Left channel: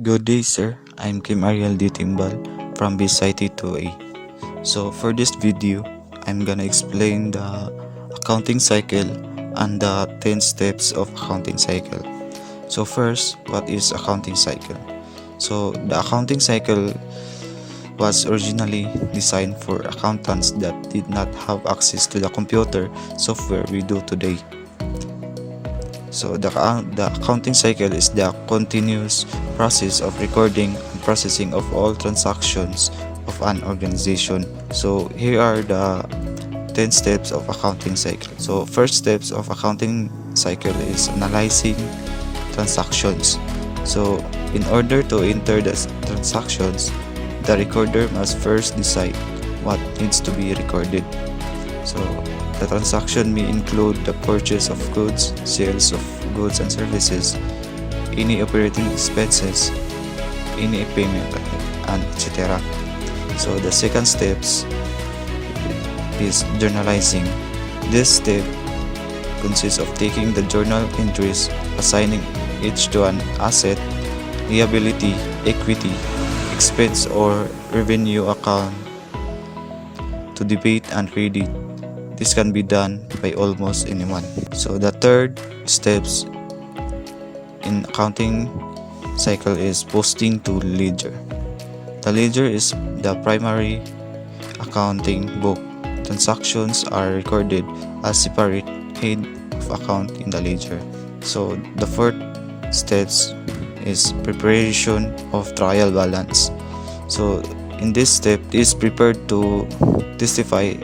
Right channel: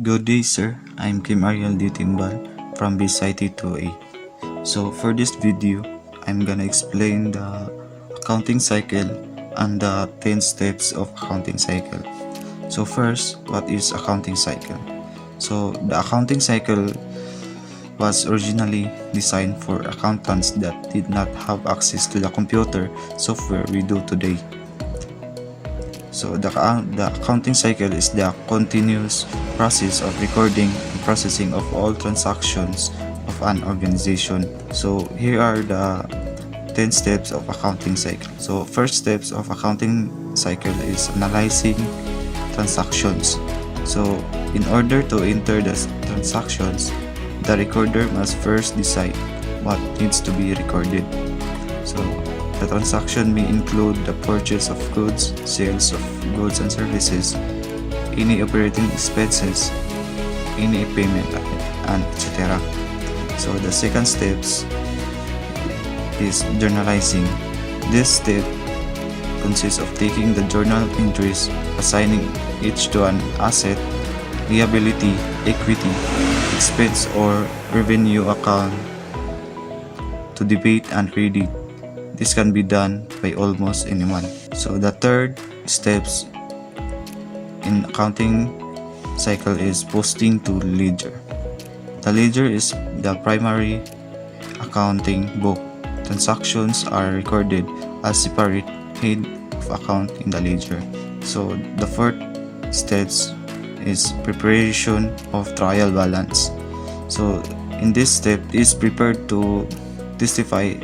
Good day, sir. I'm Kim Ariel D. Timbal from BSIT 2A. So for this video, I'm gonna explain the accounting cycle and the 10 steps of accounting cycle. So first, what is accounting cycle? So the accounting cycle was originally designed for accountants that did not have access to the computer software we do today. So the accounting cycle is the continuous process of recording and processing of all transactions of an organization. So here are the 10 steps of accounting cycle. So first steps of accounting cycle is analyzing transactions. So in order to enter the transactions, the recorder must first decide what needs to be recorded. So the transaction may include the purchase of goods, sales of goods and services, any operating expenses, any payment, and etc. So the second steps is journalizing. This step consists of taking the journal entries, assigning each to an asset, liability, equity, expense or revenue account to debit and credit. This can be done by almost anyone. So the third steps in accounting cycle is posting to ledger. The ledger is the primary accounting book. Transactions are recorded as separate head of account in the ledger. So the fourth steps is preparation of trial balance. So in this step is prepared to testify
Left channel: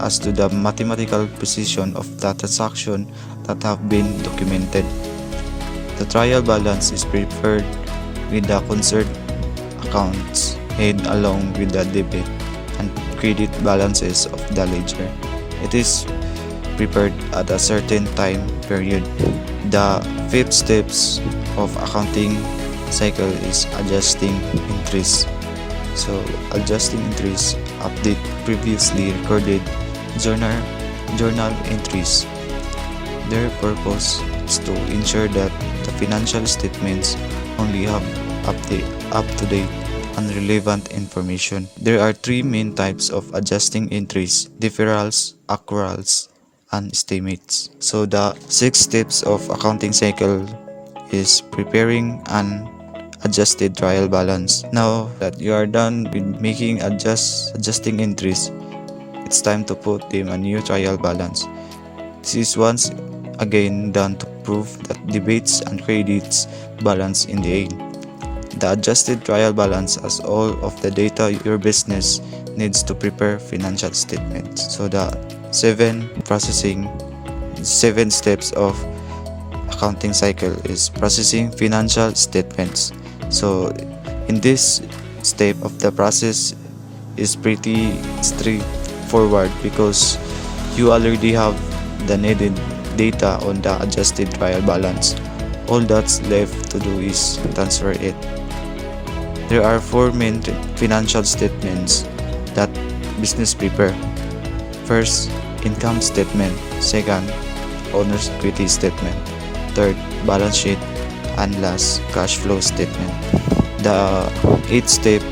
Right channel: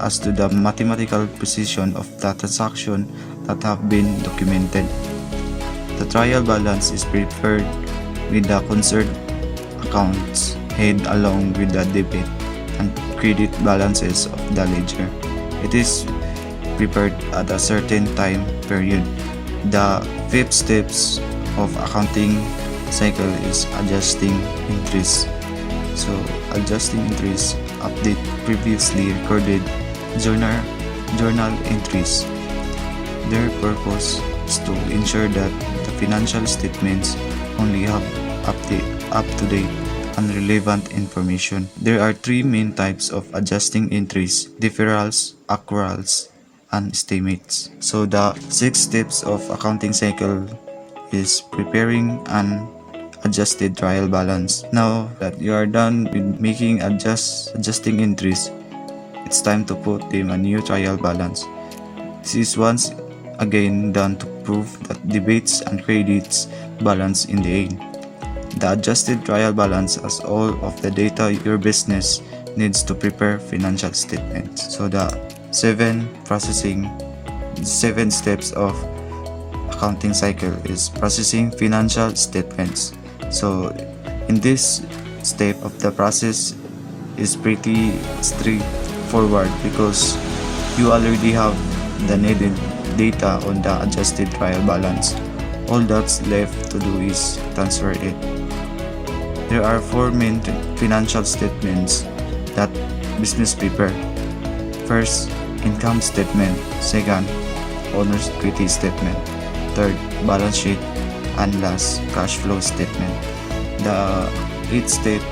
as to the mathematical precision of the transaction that have been documented. The trial balance is prepared with the concerned accounts head along with the debit and credit balances of the ledger. It is prepared at a certain time period. The fifth steps of accounting cycle is adjusting entries. So adjusting entries update previously recorded journal entries. Their purpose is to ensure that the financial statements only have up-to-date and relevant information. There are three main types of adjusting entries: deferrals, accruals, and estimates. So the 6 steps of accounting cycle is preparing an adjusted trial balance. Now that you are done with making adjusting entries, it's time to put them a new trial balance. This is once again done to prove that debits and credits balance in the end. The adjusted trial balance has all of the data your business needs to prepare financial statements. So the 7 steps of accounting cycle is processing financial statements. So in this step of the process is pretty straightforward because you already have the needed data on the adjusted trial balance. All that's left to do is transfer it. There are 4 main financial statements that business prepare. First, income statement. Second, owner's equity statement. Third, balance sheet. And last, cash flow statement. The 8th step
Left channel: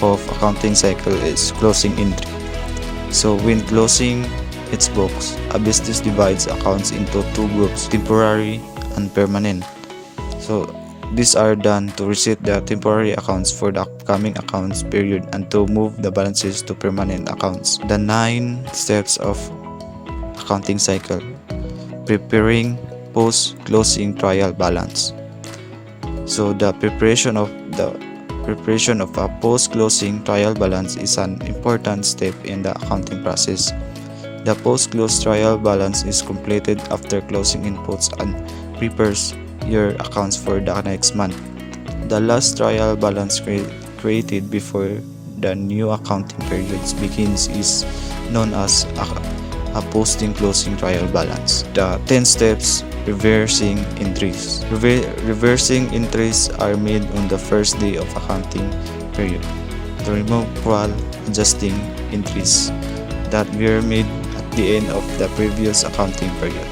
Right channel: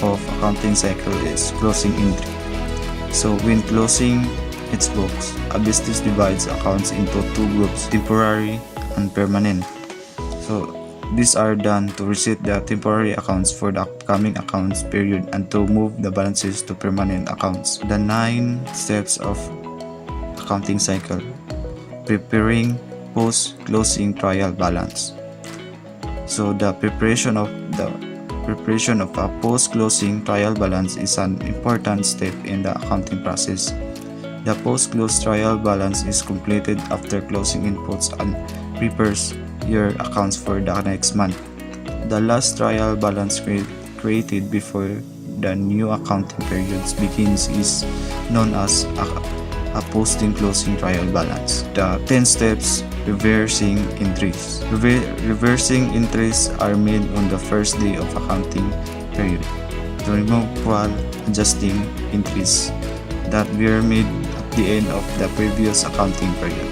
of accounting cycle is closing entry. So when closing its books, a business divides accounts into 2 groups, temporary and permanent. So these are done to reset the temporary accounts for the upcoming accounts period and to move the balances to permanent accounts. The 9 steps of accounting cycle: preparing post-closing trial balance. So the preparation of a post-closing trial balance is an important step in the accounting process. The post-close trial balance is completed after closing inputs and prepares your accounts for the next month. The last trial balance created before the new accounting periods begins is known as a posting-closing trial balance. The 10 steps reversing entries. Reversing entries are made on the first day of accounting period to remove while adjusting entries that were made at the end of the previous accounting period.